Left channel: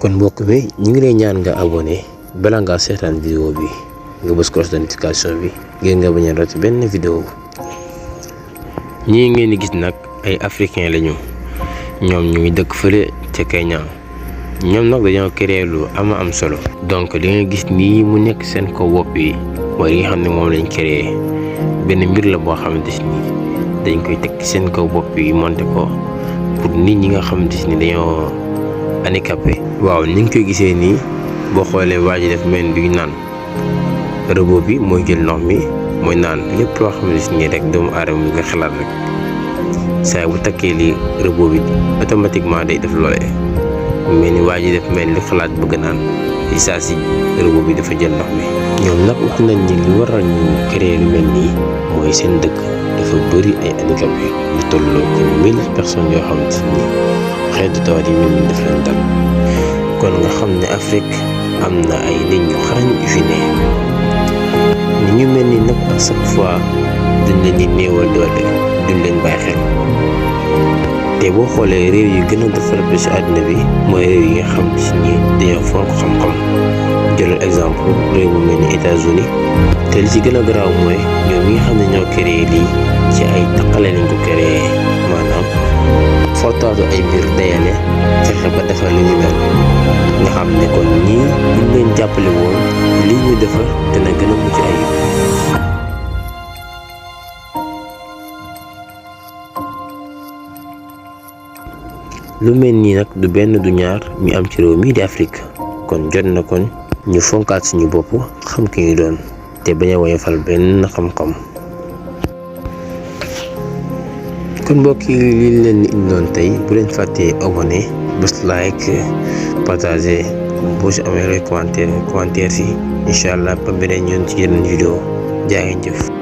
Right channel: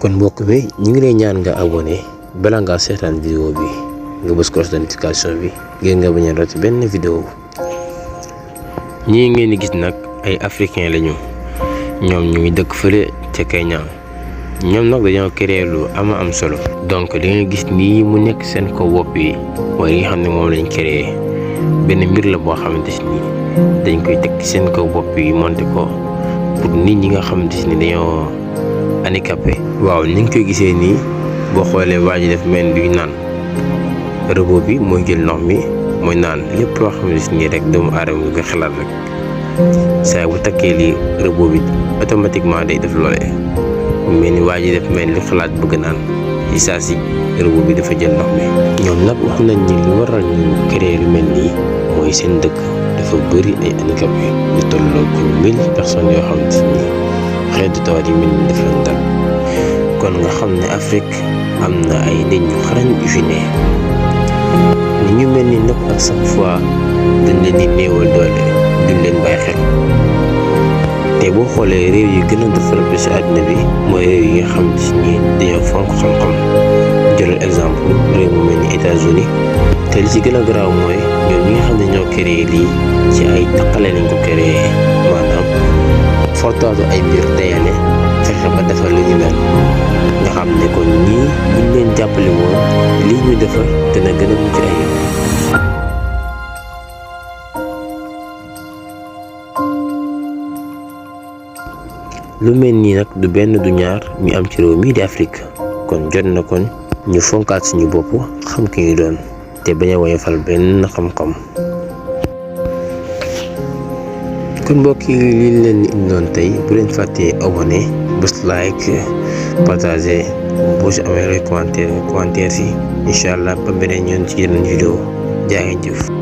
kon mbokk mi ñu ngi lay ñaan nga abonné bala ngaa seetaan vidéo bi nga bës cloche de notification bi ngir nga bañ a rate benn vidéo. ñii ngeen di gis nag ay africain lañu, ñoom ñu ngi dëkk fële ca Kenya. ñoom nag dañoo créé lu am solo. donc li nga gis nii mu nekk seen ko bopp yi mooy li nga xam ne moom lañ créé benn mbir la boo xamante ni dañ koy teg ci seen kaw bopp yi monté ko pour nit ñi nga xamante ni dañoo handicapé. waaw ni nga koy gisee nii boo xoolee waa ji def mel luy naan, robot bi mooy jël ndox mi mooy naan lépp loo xamante ni rek doomu aadama lu koy xalaat rek saa bu takkee li robot bi automatiquement day def loolee. mu mel ni waa ji def mel ni xalaat bëgg naan ci saa si robot bi dafa jël ndox mi. ñoom nag wax nañ ni li waral ñu créer lu mel nii mooy seen dëkk dafa bëri ay handicapé lu tolloo ko 1000 personnes yoo xamante ni xeetu tawat yi mel ni daf leen dal. kon nga xam ne Afrique am na ay nit ñu xarañ yu fi ne ni ñu mel ni nag ak chaque fois dañ leen di néewal doole duñ leen bàyyi xel. te boo xoolee réew yi gën a développé ci àdduna bi mooy réew yi nga xam ni dañoo fonk xam-xam. jëlal exemple réew mu mel ni États-Unis te li ci gën a garaaw mooy ñoom ñi nga xam ne ñoo créé lii ci ay taqale lañ ko créé, maanaam fortaatu ay mbir dayale fexe ba defar lu ñu mel. nga xam ne kon ñii buñ leen jàppale woon lii ñu defar dina gën a mucc ayib. lu mel nii nag du benn du ñaar ñu am ci réew mii di Afrique, kon jot na kon ñu fonkaat suñu bopp xam ki ñu doon te bañ a woyofal benn xam-xam. kon mbokk yi lii leen di indiloon tey, bu leen fàttee abonné bës like partager boo si amee commentaire si incha allah ba beneen yoon ci yeneen vidéo jaa ngeen jëf.